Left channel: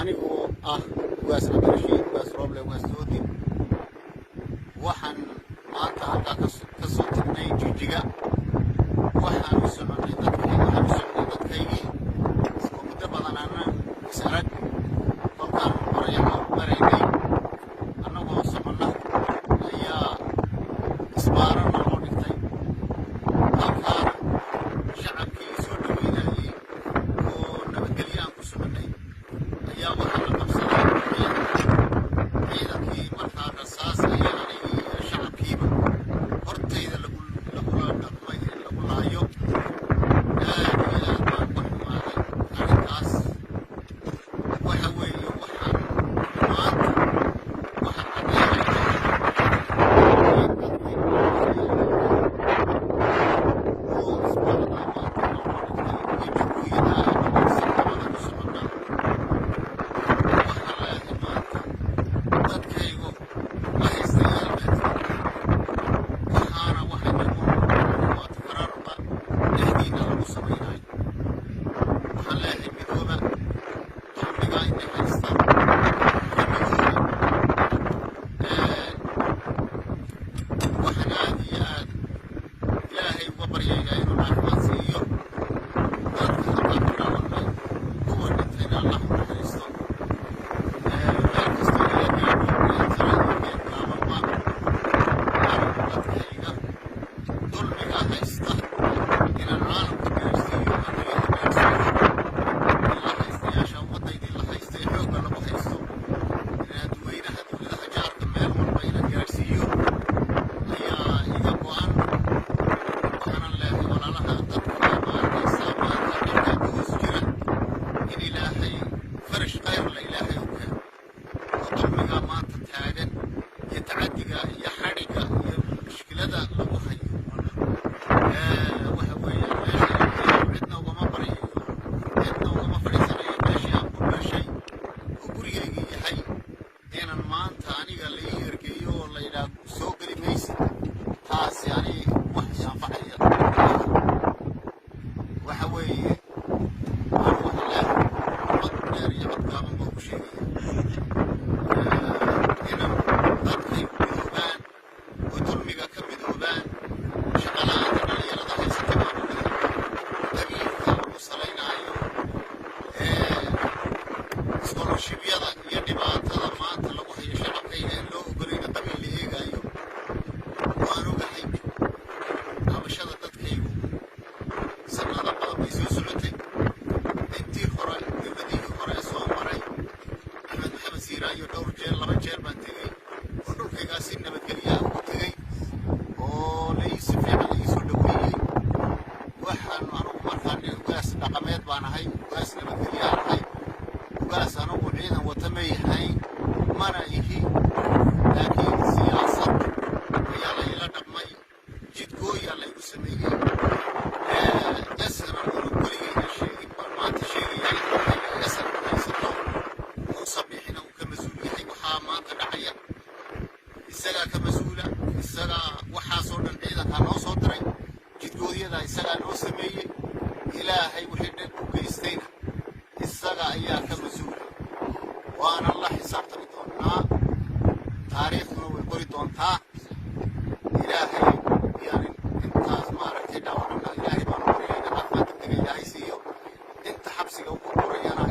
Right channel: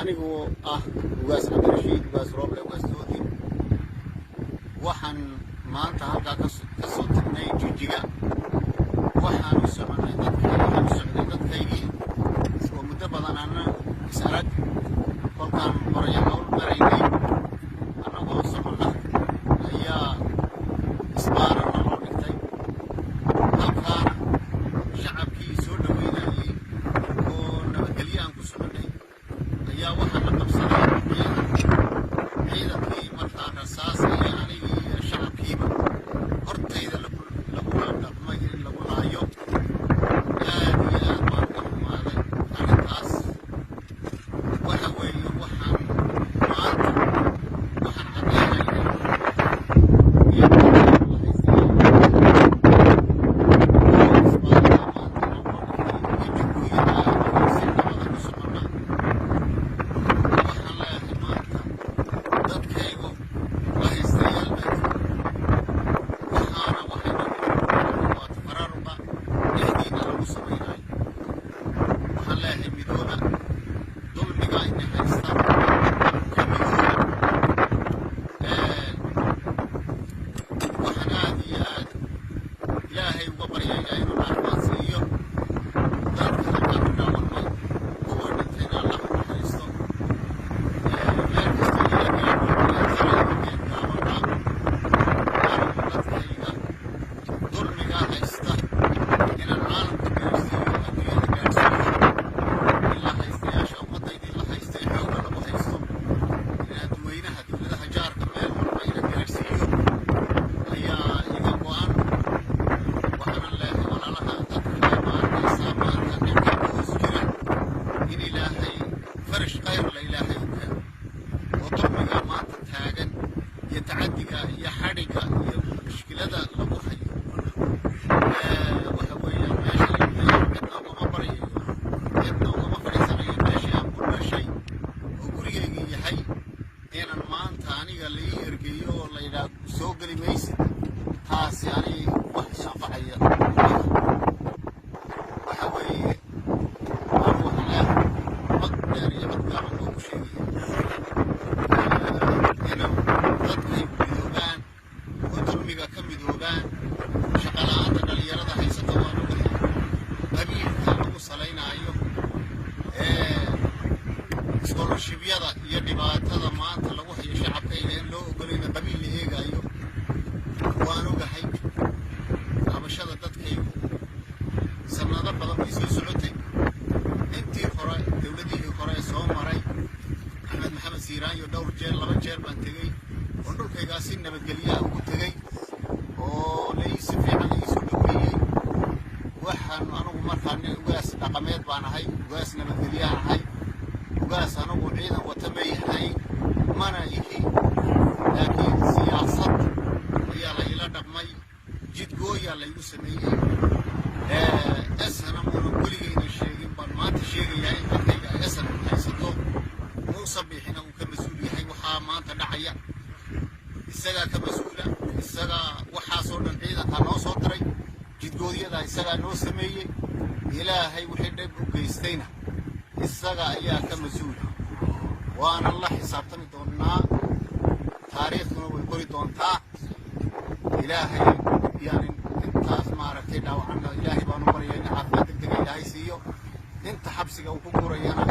anigoo ah ugaasna darshi ugaas rooble ugaas doodi waxaan maanta halkaa ka soo tagnay joojiga waxaan u soconay dadkaygii oo muddo badan aanan is arag kolkaan maraynay annagoo soconna ayaa isbaara noo dhigtay halkaana shacabkii soo dhaweynayay oo nabadgelyo aan ku soconnay ayaa waxaa la qabsaday ciidankii markaa rasaas iyo shacabkiiba hortayda lagu laayo aad iyo aad baan u xumaaday arrintaas waxa weeye waxaan soo geli maysa taasi aniga wax sanfacaya waxa weeye wadamiga ka midoobaan shaqalaanta dhalinyarada haysata qabiilka lagu salaynayo iskoolashibyada iyo dhibaatada maanta lagu hayo shacabkayga in loo ogolayna qabiil la eegayo waan ogahay qabashada dadkaygu sanado badan way soo socotay intii hore dowladihii hore soo maray xamed maxamed siiraayo dhowr jeer 2 jeer baan tegey oo dhulkaygaa si nabadgelyaha ugu tegey oo si fiican iisoo dhaweeyey waxaan anugu markaan ugaas dhaqameed baan ahay ugaas nabadgelyaha ahay ugaas anugu ciidan wata ma yahay mana ihi laakiin siyaasad ayaa layla dhammay jidgooyaa laygu sameeyey asana weligeyna sheegin baan maanta sheegayaa asan haysato muusa bixina uu ka mas-uul yahay waxaa maanta dhacaya isagaa ka mas-uula isagaa waxaasoo dhan ciidankaa noo soo diray jidgooyada isagaa noo sameeyey ilaahay wixii dhan u geystayna isaga ayaa ka mas-uula waana la xisaabtami doonaa taariikhduna way qori doontaa ilaahay yani intaas maaragtay dhaawacna ilaahay baan u baryay dhawaaqaadka ilaahay siiyo inta xabsiga ugu qorayana